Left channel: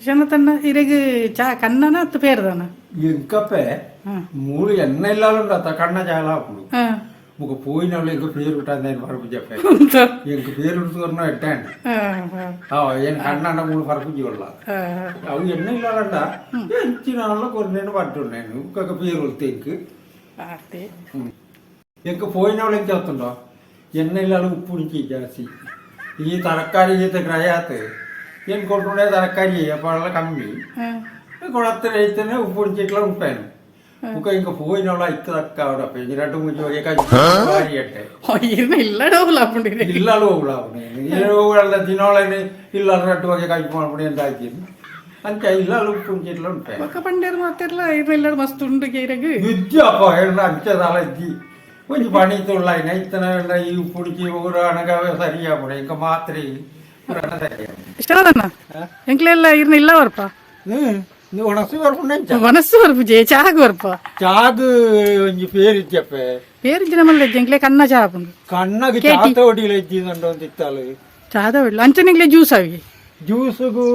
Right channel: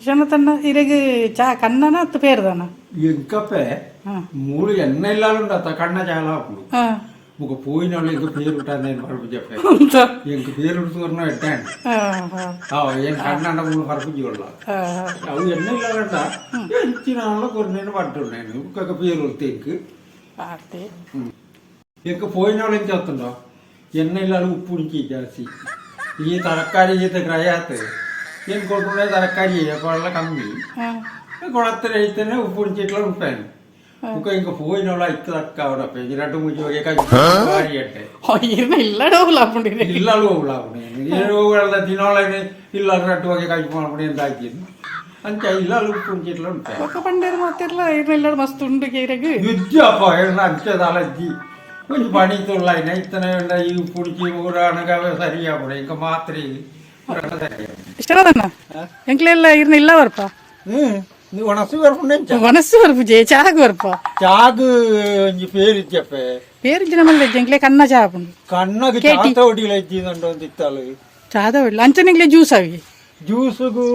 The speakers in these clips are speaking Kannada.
ಕ್ಷಣತನ್ನ ಇರಗೆ ಚಾ ಕಣ್ಣನ ಅತ್ತು ಪೇರ್ದಾನ ఎంకపే మూడు ఎన్న ఇళ్ళాలు ఉండదు కన్నా చాలా అప్పుడు ఒక పోయిన వాళ్ళు ఇంక పేరు ఉంటుంది నేను పరుపు చెప్పాను ఇంక పేరు ఉంటున్నా ఎట్టాను ఏం కన్నా మూడు పరుపు చూడాల అవి ఎన్న ఇళ్ళాలంట ఇచ్చిన వాళ్ళు కొన్ని నేను పట్టున్నాను ఇంకొక పేరు వస్తే ఇంక పోయిన వాళ్ళు ఏం చేస్తుండో ఎన్న ఇళ్ళాలు ఉప్పు నుంచి ಜಾಸ್ತಿ ಈ ತರಕಾರಿ ಜೊತೆ ಗ್ರಹ ಏನು ಕೊಟ್ಟರೆ ತರಕಾರಿ వాళ్ళ కమ్మి కొడత అయితేనే ఉప్పుడు చెట్లు ఉంటాను ఇంకా ఇంకా పోయిన వాళ్ళు అయితే తక్కువ పెంచినట్టు ముంచి అంటే ఇళ్ళలో ఊళ్ళ తినాలని ఇళ్ళ రట్టు ఒక కలిపినప్పుడు ఏం దాచింది అంతే ఇళ్ళలు ఉప్పుడు చెట్లు ఉంటాయి ఒక పండేరు మాత్రం మస్తు విద్య అంతే తలజ్జి కొంచెం పనితుళ్ళు అయినా ఇతనే ఈ ఉప్పుడికి ఊరు అనగా సరిగా ఇంకా మాత్రం ಇಷ್ಟದನ್ನ ಎಂಕ್ಲೆಲ್ಲ ಇರ್ನ ಇಲ್ಲ ಬರ್ಪ ಒಣಸು ಬರ್ಪು ಚಾಗ್ ಬರ್ಪ ಚಾಗ್ ಒಂಜಿ ಪೇರು ಇಜ್ಜಪ್ಪೆ ಪೇರಿಂಚಿನ ಮಲ್ಲ ಎಂಕ್ಲೆ ಕನ್ನ ಚಾಪುಂಡು ಕನ್ನಗ ಚಾತ ಒಡಿಲ ಇಜ್ಜಿದಂಡು ಒಂದು ಇತ್ತಲು ಚಾದ ಒಡಿಲ ಅಂಚನೆಂಕ್ಲೆ ಜ್ಯೂಸ್ ಅವಿ ಜ್ಯೂಸುಗು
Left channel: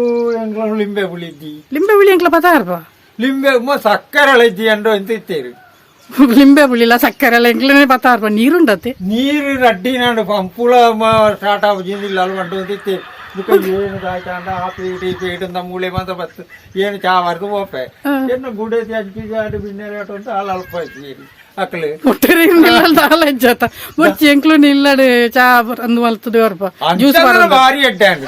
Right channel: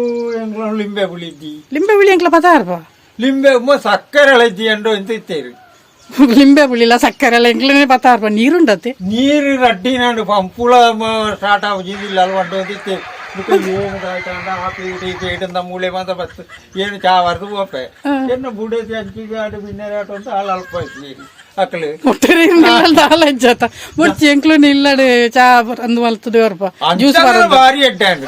ಎಂಕ್ಲ ಲಿಂಬೆ ಹುಳಿ ಇದ್ದಿ ಲಿಂಬೆ ಹುಳಿ ಎಂಕ್ಲ ಪದ ಅರ್ಪ ಲಿಂಬೆ ಸಕ್ಕರೆ ಇಜ್ಜಿ ಅಂಡು ಅಂತ ಇತ್ತೇರು ಲಿಂಬೆ ಹುಳಿಲ್ಲ ಸಕ್ಕರೆ ಎಲ್ಲ ಎಂಕ್ಲೇ ಪದ ಅರ್ಪ ನೀರುಂಡತ್ತೆ ನೀರು ರಡ್ಡಿ ನಾನು ಪಂಪುಳ ಸ್ಟಾರ್ಟ್ ಆಗುದಿಲ್ಲ ಅಲ್ವಂಡು ಅಂತ ಇತ್ತೇರು ಏನು ಕಾಯ್ತಾಂಡ ಆ ಪೀಟ್ ಈ ಪೀಟ್ ಅಂತ ಮೂಳೆ ಮಾತ್ರ ಬಸ್ ಏನು ಚಾ ಬರ್ದು ಹೋಪೆ ಏನು ಬುಡೇತಿ ಹಂಚಿಗೆ ಆಟ ಬಿನ್ನೇರಿ ಆಟ ಅಂತ ಅಲ್ಲಿ ಅಲ್ಪ ನೀರು ಅಕ್ಲೆ ಅಜ್ಜಾತ ಮುಚ್ಚಿ ಎಂಕ್ಲು ನಿಲ್ಲಡೆ ಚಾ ಅಂದು ಮಲ್ತದೆ ಬರ್ಪ ಜ್ಯೂಸ್ ಭಾರಿ ಅಡ್ಡಾಂಡ್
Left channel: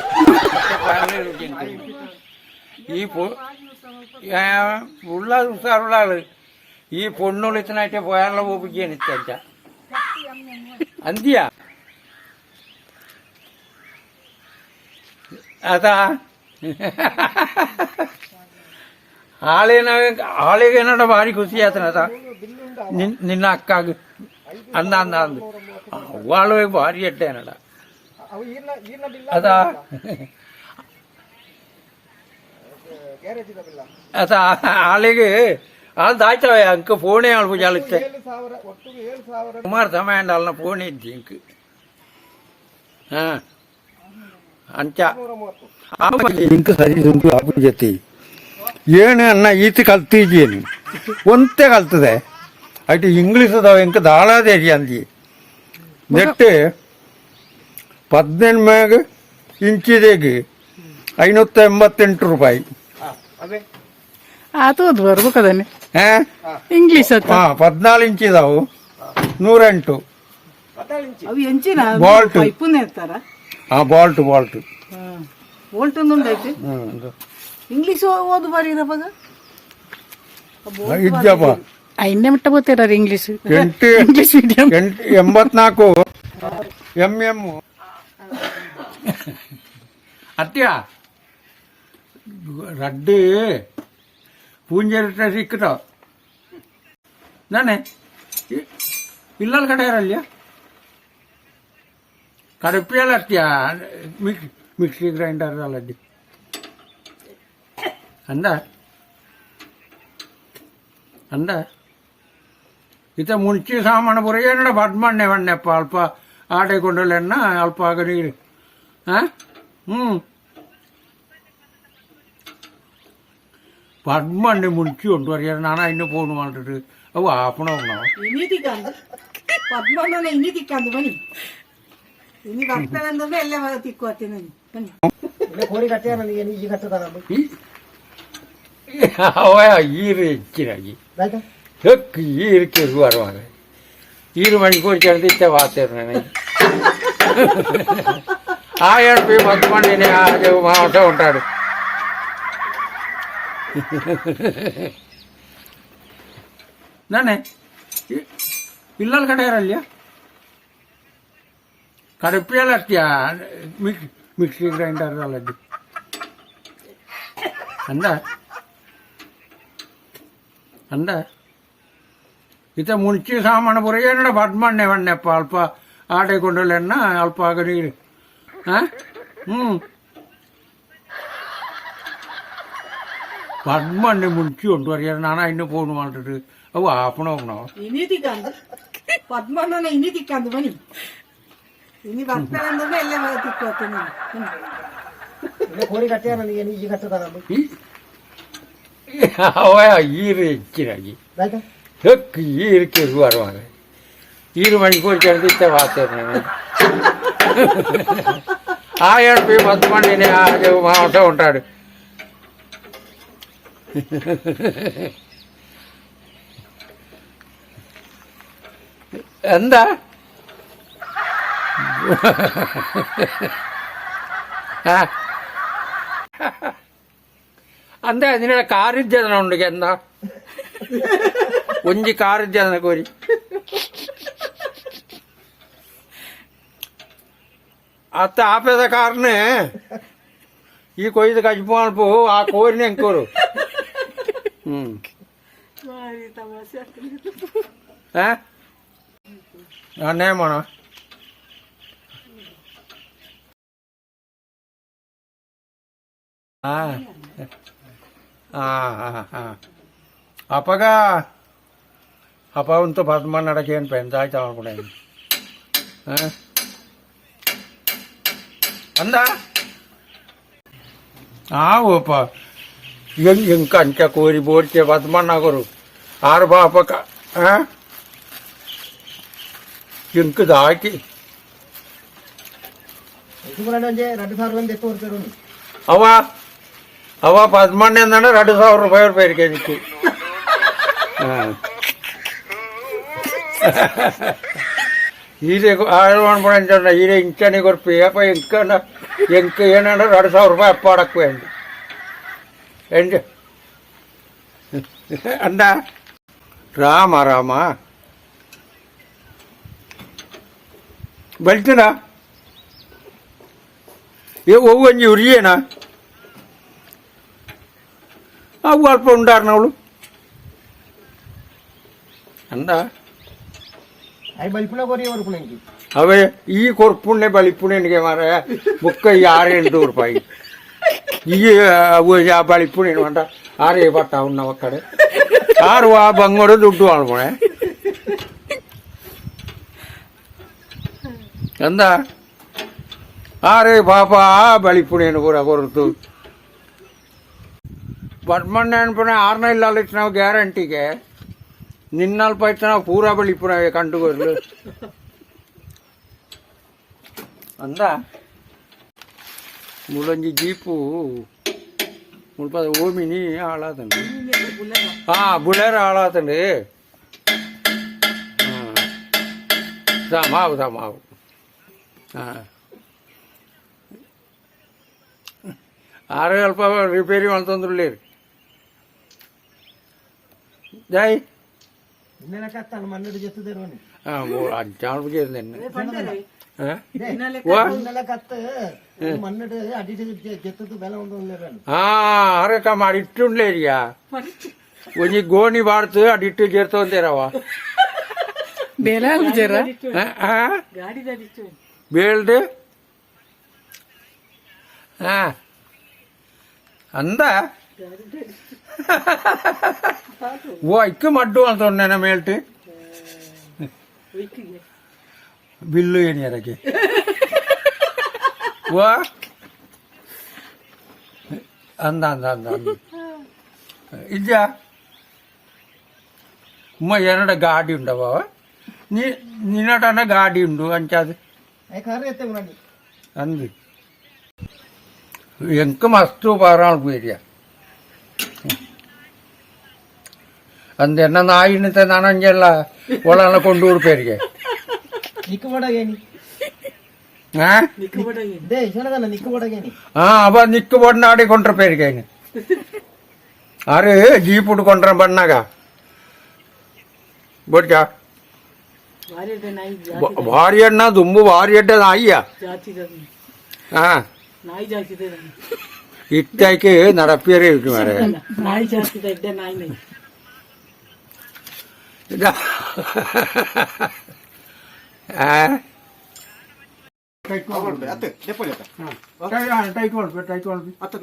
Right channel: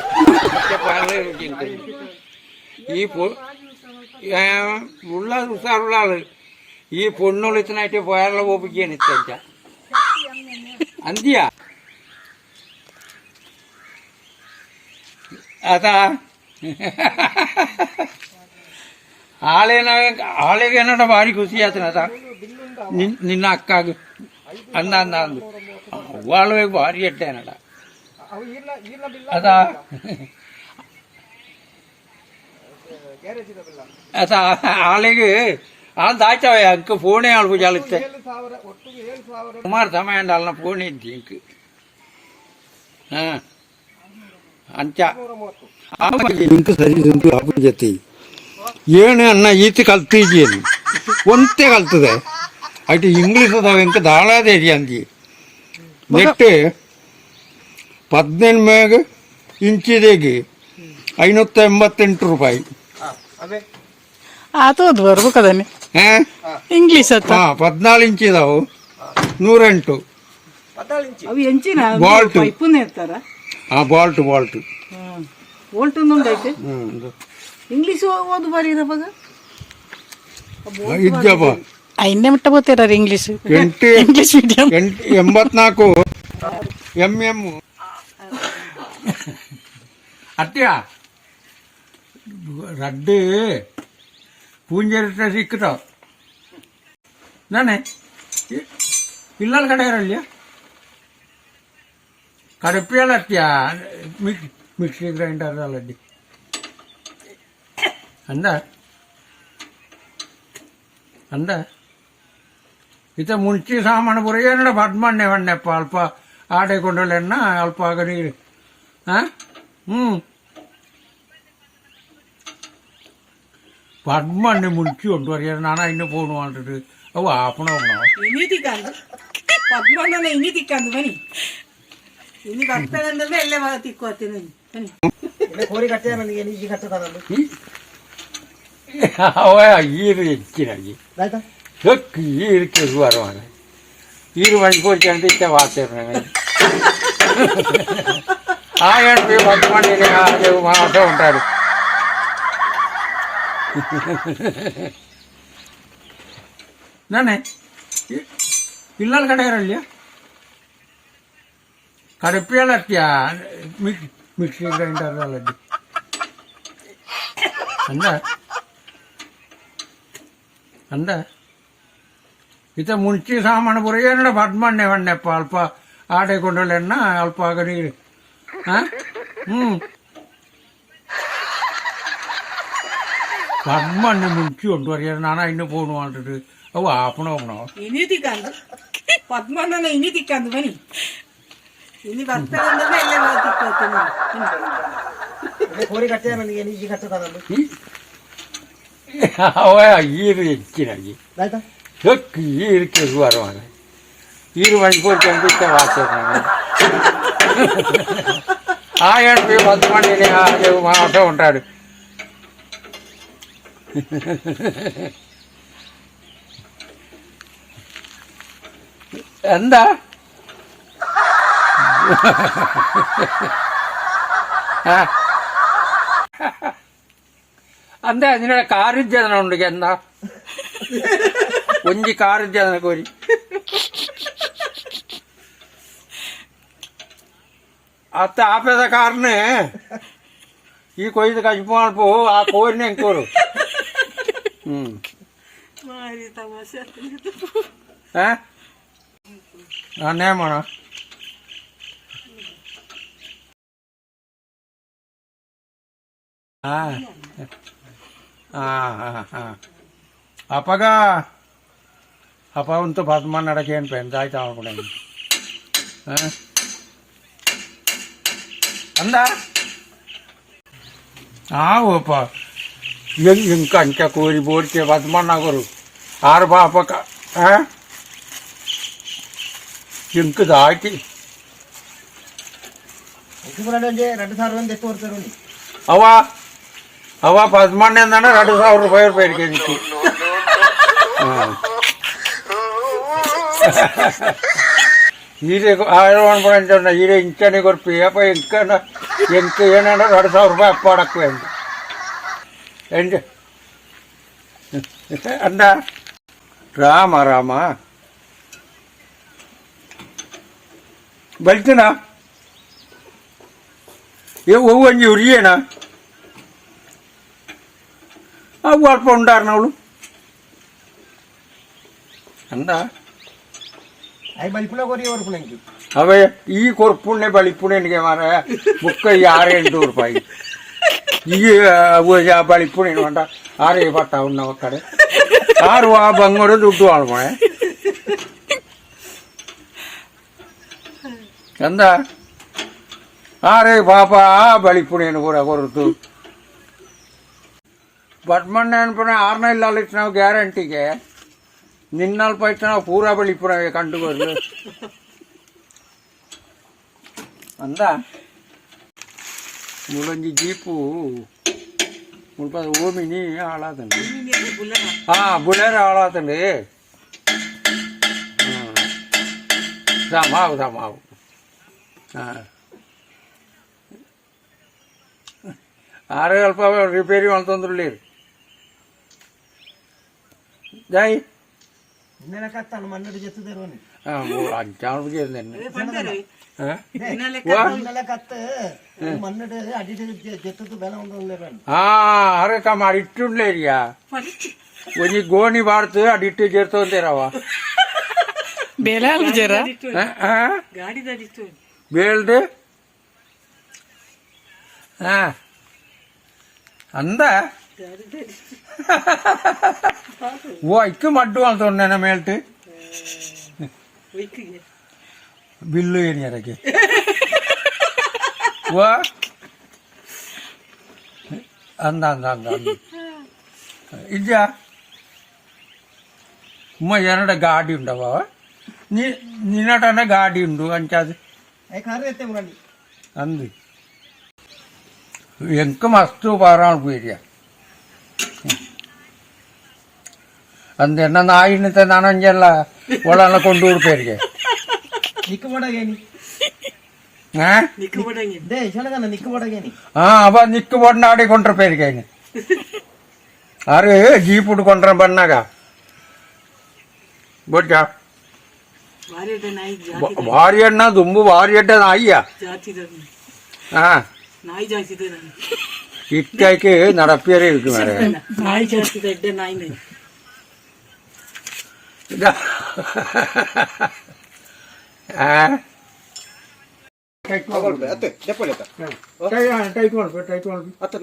ഈ ഉള്ള ഉസാറുള്ള ആള് ഈ പൊണ്ണൊളിച്ചനായിട്ട് പോയാലുള്ള പോപ്പിക്കാണ് ഇഷ്ട അന്ത്യ ಅದ ಆಳಿಗೆ ಏನಡ ಭಾರಿ ಖುಷಿ ಆತನ ಅದ ನಿನ್ನ ಅಕ್ಕಾಗ ಅಂದ ಅಂದ ಅಂದು ಅವಳು ಭಾರಿ ಎಡ್ಡೆ ಏನಡ ಅದ ಅದ ಆಳಿಗೆ ದಾಯ್ತವೆ ಅಂಕ ಫೋನೇ ಆಳ್ಬು ಜಾಲತ್ತೆ ಸುಮಾರು ಸಮಯ ಅಲ್ಲ ಫೋನ್ ಇದ್ದಿ ಇಂಕ ಅಂಚ ಇಂಕ ಸರಿ ಆಪು ಜೊತೆ ಏನು ಅನ್ನ ಈತ ಕಲ್ತಿದ್ದೇನು ಒಂತೆ ಕಲ್ತದೆ ಅటు ಇಂಗ್ಲೀಷ್ ಅದಾವ ಇಂಕ ದಾಳಾದೇರಿ ಅಂದಿ ನೆಟ್ಟು 18 ಇಂಚಿದೇಗೆ 588 ರೂಪಾಯಿ ಆತೋದು ಬರ್ಬೇಕದನ್ನೇ ಇಂಗ್ಲೀಷ್ 14 ಇಂಚ್ ಇದಾವು 108 ಅವು ಎಂಚಿನ ಬಾಲ್ಟ್ ಪೈಪುನೇ ಇರ್ತಾರ ಬಾಲ್ಟ್ ಬೋಲ್ಟ್ ಒಂದೈತೆ ಇಂಗ್ಲೀಷ್ ಓದು ಬಾರಿ ಇರವಾಗ ಇದ್ದಪ್ಪ ಇನ್ನೇ ಮಟ್ಟ ಬೋತಾರ ಇಂಗ್ಲೀಷ್ ಇಂಗ್ಲೀಷ್ ಮೀಡಿಯಂ 84 MM ಅತ್ಯ ರಡ್ಡು ಪೂಂಜರಿಟ್ಟ ಸಿಕ್ಕಟ ನಾನೇ ಇಲ್ಲ ಕಡೆಯರಲ್ಲ ಕಡಪಿಯಲ್ಲ ಅತ್ಯ ಮಿಕ್ಸಿ ಗ್ರೈಂಡರ್ ಅಲ್ಲದ್ದಿ ಅಂದ ಇತ ಮುಂಚೆ ಸಾಮಾನು ಬರೋ ಏನಡ ಬಡ್ ಮಣ್ಣೆ ಮಣ್ಣೆಪ್ಪ ಅಲ್ಪ ಆಟೆ ಕೊಂಡಳೆನ್ನ ಅಲ್ಪ ಆಗ ನೀರು പദ്മണ്ണി മുനിക്ക് കൊണ്ടുവരിക നാണ അതിന് പോണു പറഞ്ഞിട്ട് അത് ആപ്പണോ ഇനി തിക്കാന്ത് പദ്മണ്ണ ഇനി തിക്കാന്ത് പനി ഇനി കത്തണെന്തോ എല്ലാം തിക്കുവത്തിന് കോരി കട്ടിയാണ് എനിക്ക് കത്തതാണ് ഈരിച്ചിനായി ഈരിക്കത് പറയുവാണ് 2 മണിക്കൂർ ചേർന്ന് ഇച്ച വാർത്തയാണ് ആയിരത്തി 10 മാസം ഉണ്ടാడు ನಾನೇ ಇಲ್ಲ ಕಡೆಯರಲ್ಲ ಕಡಪಿಯಲ್ಲ ಅತ್ಯ ಮಿಕ್ಸಿ ಗ್ರೈಂಡರ್ ಅಲ್ಲದ್ದಿ ಅಂದ ಇತ ಮುಂಚೆ ಸಾಮಾನು ಬರೋ ಏನಡ ಬಡ್ ಮಣ್ಣೆ ಮಣ್ಣೆಪ್ಪ ಅಲ್ಪ ಆಟೆ ಕೊಂಡಳೆನ್ನ ಅಲ್ಪ ಆಗ ನೀರು പദ്മണ്ണി മുനിക്ക് കൊണ്ടുവരിക നാണ അതിന് പോണു പറഞ്ഞിട്ട് അത് ആപ്പണോ ഇനി തിക്കാന്ത് പദ്മണ്ണ ഇനി തിക്കാന്ത് പനി ഇനി കത്തണെന്തോ എല്ലാം തിക്കുവത്തിന് ಕೋರಿ ಕಟ್ಟ್ಯಾರ ನನಗೆ ಈಗ ಕಟ್ಟದ ஈரு இச்சினாகி ಆಯ್ತಾ ஈருக்கு வருவாங்க 2 மணிக்கூர் கிளம்பி இப்போ வாசிடுறாங்க 1000 போய் 10 மணி மாவட்டம் ఉంటాడు എന്താ എന്താ ഇതിനുള്ള കാറിജ്ജതന ഉണ്ട് എന്താ കൊഞ്ചി കാറിജ്ജതന കോരി ಅತ್ತ ಆಪೇದ ಕಾರನೇ ಈ ಕೊಯ್ದು ಕಜ್ಪು ಮಾಡ್ಪು ಆ ಕೋರಿನ ಹೆಂಕೋರು ನಾನೇ ಮಾಡ ಅಪ್ಪಗ ಅಪ್ಪ ಅಂತೂ ಬದ್ಮಾನ್ ನಡಕೇನು ಪೆಂದಾಯ್ತು ಅವನು ಅಂದ ಆವಪ್ಪ ಹೆಂಗೆ ಅಂಕ ಕೋರಿ ಬೋರ್ಕೆ ಬದ್ಮಾನ್ ಆಗೋರು ಆರು ಬಾಪಕ ಹೆಂಗೆ ದಾಕಿ ಅವ ಅವ ಪದ್ಮಣ್ಣಂದನ 2000 ರೂಪಾಯಿ ರೂಪಾಯಿ ನಿಂತು ಹೀರೆ ಅನ್ಕೊಂಡ ಹೀರೆ ಇಂಕನೆ ಕೊರ್ಪಿ ಅಪ್ಪ ಇಂಕನ ಎಂಕ ಏನಂದ್ರೆ 2000 ರೂಪಾಯಿ ಅಪ್ಪ ಅಡಕ್ಕು ಅಂದು ಎಂಜ ಅಣ್ಣ ರಾಮ ರಾಮ ಬಲ್ತಿನ ಏ ಹೋಗು ಅಂಜಿ ಉರಿಯೇನ ಅವು ಅಲ್ಪ ಉಂಟಾರ ಅವಳು ಅಂದ ಅವೇ ಈ ಕೊರ್ಪುಣ್ಣೆ ಬಳಿಪುಣ್ಣೆನಿಗೆ ಮಾರ ಮುಕ್ಕ 6-8 ರೂಪಾಯಿ ಈ ಬಳಿಪುಣ್ಣೆ ಅಂಟ 6 ಬರ್ತಾವ ನಾವು ಕಡೆ 6 ಆ ಬಂಗೋಡು ದುಡ್ಡು ಆಳ್ಮಳೆ ಅಂದ 6 ಪಾಪ ಬಳಿಪುಣ್ಣೆನು ಪೂರ ಕೊರತು ಬಟ್ಮಣ್ಣೆ ಅನ್ಪುಣ 6 ಇಲ್ಲ ನಾವು ಗ್ಯಾರಂಟಿಗೆ ನಿನ್ನಲ್ಲಿ ಪೈತ ನಾವು ಪೂರಾ ಬಳಿಪುರವೇ ಕಂಡುಕೊಂಡು ಅಂದ ಮುಳಂಜಿ ಜೀಪು ಮುಲ್ಪ ಓಮಿನಿ ಹಾಳಾತಂడి ಬುಲೆರೋ ಹಾಳಾತಂడి ಮಾವು ಮಾವು ಆರು ಅಲ್ಪ ರಿಪೇರಿ ಮಾಡ್ತಂದ್ರಲ್ಲಿ ಜೈ ఇట్టుండలేరియా కొంచెం గోని వాడుతూ అది ఇట్టు చేరుతోందేరావా బేల్దు ಅಂದ ಓ ಇಕ್ಕ ಮಡ್ಡು ಅಂತ ಉಂಡೇನ ಮೇಲ್ಟು ಬಿಲ್ಲು ಏನು ಯಾರಕ್ಕೆ ಓ ಅಂದ ಅಂದ ಅಂದ ಇಜ್ಜ ಉಮ್ಮ ಎರಡ ಗಾಡಿ ಉಂಡವ ನಿನ್ನಟನ ಗಾಡಿ ಉಂಡು ಅಂಚಾದು ಅಂದು ಎಂಕ ಮಸ್ತು ಪಾರಾಣ ಪೀರಿಯ ಅಂದೆನ್ನ ನಾಯಿನಿತ ನಾನಂಜೆಲ್ಲ ಒಳನ ಕೊಂಡು ಹುಡುಪೇರಿಗೆ ಅವ ನಿಕ್ಕು ಬಣ್ಣ ಆಡಿಕೊಂಡ್ರ ಪೇರಿಗೆ ಅರೆ ಜೀಪ್ ಉಡ್ಕೊಂಡ್ರ ಬಣ್ಣಾಗ ಬೊಡ್ಜ ಭಾರಿ ಅಣ್ಣ ದುಂಬು ಭಾರಿ ಅಡ್ಡ ನಾಯಿಯ ನಾಯಿ ಜಾಸ್ತಿ ಇಟ್ಟಾಕಿ ನಡಪಿಯರೇ ಇಟ್ಟು ಮಾಡ ನಾಯಿ ಜಾಸ್ತಿ ಎಡ್ಡೆ ನಾಯಿ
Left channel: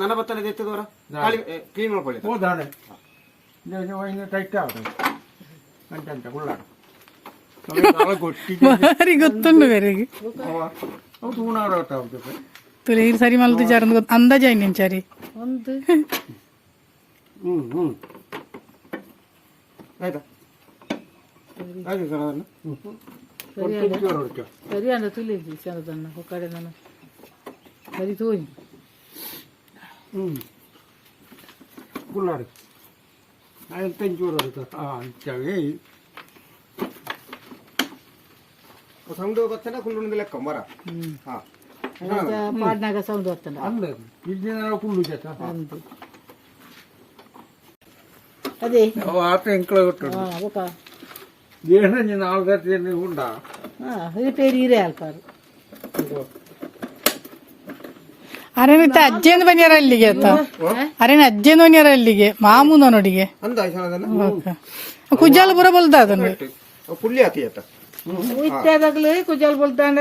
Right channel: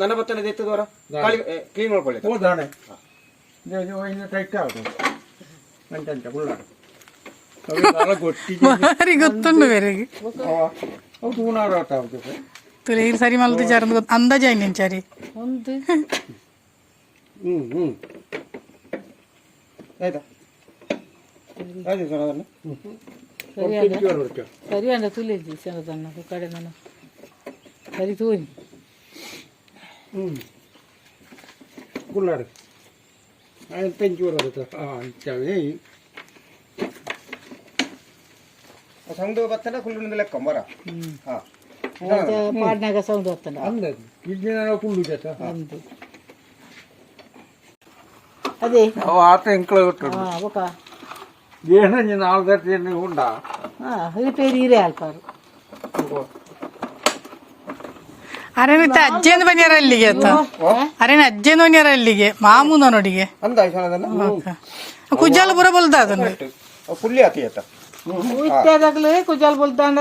ನನ್ನ ಬತ್ತನೆ ಎತ್ತಿದವರ ಕ್ಲೀನ್ ಮಾಡ್ಕೊಳ್ಳಿ ಹೋದಾಣೆ ಟೈಟ್ ಆಗುತ್ತೆ ಅಂಟ ಗೊತ್ತಿಲ್ಲ ಗೊತ್ತುಂಡು ಬೇರೆಗೆ ಅವು ತೂನಾರ ಗೊತ್ತಿಲ್ಲ ಈ ಸರಿ ಮಲ್ತು ಜಾರ ಅಂದಾಜ ಇನ್ನೇನು ಚಾರಿ ಒಂದು ಆಯ್ತಾ ಆಯ್ತು ಸರ್ ಅದನ್ನು ಸರಿ ಅಂದ ತುಳಿದಿ ಚೆನ್ನದನ್ನ ಕಡೆ ನಾನು ಸರಿ ತೋಯಿ ಗುಳ್ಳಾಡಿ ತೆಂಚೂರು ಅಂಚವೆ ಸೌಂಡ್ ಬರ್ತನೆ ಕುಳ್ಳು ಲೆಕ್ಕ ಮರ ಹಾ ಪಾಡ್ನಾಗ ಸೌಂಡ್ ಬರ್ತಂಡ ಅಂದದು ಇದ್ದಿನ ಕುಳ್ಳು ಜತ ಒಂದು ಅದೇ ಆತ ಎಂಕ್ಳ ఒక ಏನ ನೀನು ಆಳ್ಗಟ್ಟಿ ಉಂಡ ಈ ಪೇರು ಹೀರೆ ಹಾಕ್ತಾರೆ ಅರೇನ ಅಜ್ಜೇನು ಬನ್ಯಾರ ಅಲ್ಲಿಗೆ ಆತ ಅರೇನ ಅಜ್ಜೇನು ಬನ್ಯಾರ ಅಲ್ಲಿಗೆ ಮಾಮೂನ ನೋಡಿಗೆ ಅಂದ ಆಯ್ತು ಕುಜ್ಜಾಲ ಬರ ಬಲ್ದ ಅದನ್ನ ಕುಳ್ಳಿ ಹಾಕಿ ಆಯ್ತಾ ಇತ್ತಾಗಲೇ ಕುಜಾಲ್ ಬಲ್ತಾಂಡ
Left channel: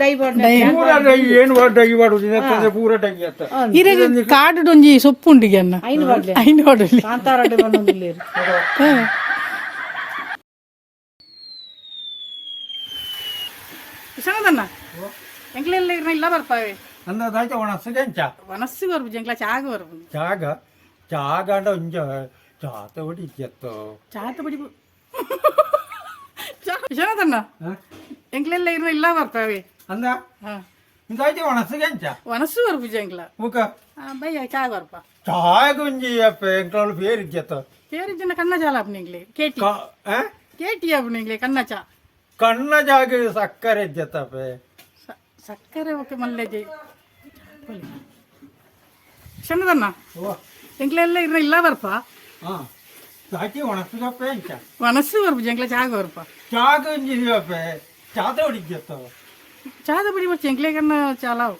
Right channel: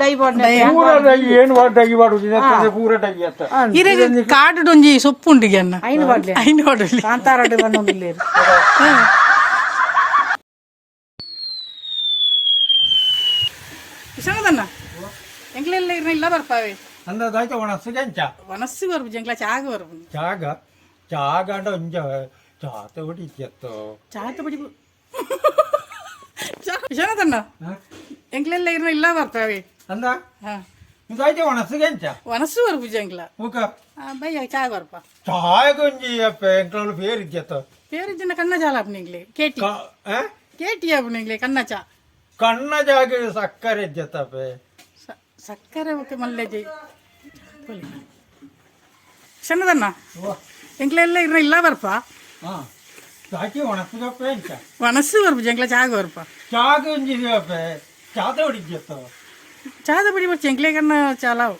ಡೈ ಬಾಡ್ನ ಪೂರ ಡೈ ಏನು ಡೈ ಮಾಡುದಿನ ಪೂರ ಡೈ ಅತ್ತ ಇರೆಗೆ ಕಾಡು ಒಂಜಿ ಸೊಪ್ಪು ಉಂಡಿಗೆ ಅನ್ನ ಐನು ಬಾಡ್ಲೆ ಐನು ಹೊಡಲಿ ಕಾಂತಾರಾಡು ಬಂದೊಂದಿಲ್ಲೇರು ಸಣ್ಣದನ್ನ ಎಂಕ್ಲೆಲ್ಲ ಇರ್ನ ಇಲ್ಲ ಬರ್ಪಾವೆ ಅಂದಾಯ್ತ ಒಣಸಿಗೆ ಅಂಚ ವನಸ್ಸು ಬರ್ಬು ಜಂಗ್ಲ ಚಾಗ ಬರ್ಬು ಜಾಗ ಜಾಗ ಅಂಡ ಒಂಜ ಜಾತ ಹೊಡಿತ್ಯತ್ತು ಚಾತ ಬಡಿ ಸಣ್ಣದನ್ನ ಎಂಕ್ಲೆಲ್ಲ ಇರ್ನ ಇಲ್ಲ ಬರ್ಪಾವೆ ಅಂದ ಹಾ ಇದಾಯ್ತ ಒಣಸಿಗೆ ಅಂಚ ವನಸ್ಸು ಬರ್ಬು ಜಂಗ್ಲ ಮುಖ ಬಯ್ಯ ಚಾಗ ಬರ್ಪ ಚಾಗ ಒಂಜಿ ಅಪ್ಪ ಎಂಕ್ಳು ಬೇರೆ ಇದ್ಯತ್ತು పేరు చిన్న కన్న చాలా అప్పుడు కేటీ కేటీ అప్పుడు కన్న చా ಕಣ್ಣ ಜಾಗ ಸಕ್ಕರೆ ಇದ್ಯತ್ತಪ್ಪ సక్కరే ఓకే మళ్ళీ చిన్నదన్న ఎంక్లెల్ల ఇర్న ಇಲ್ಲ ಬರ್ಪ ಜಾಕಿ ಒಣಸಿಗಪ್ಪ ಅಂಚ ವನಸ್ಸು ಬರ್ಬು ಜಂಗ್ಲ ಚಾಗ ಬರ್ಪ ಚಾಗ ಒಂಜಿ ಅಪ್ಪ ಚಾತ ಹೊಡಿದ್ಯತ್ತು ಚಾದ ಬಿಡಿ ಬರ್ಚ ಎಂಕ್ಲೆ ಕನ್ನ ಚಾಲಾವು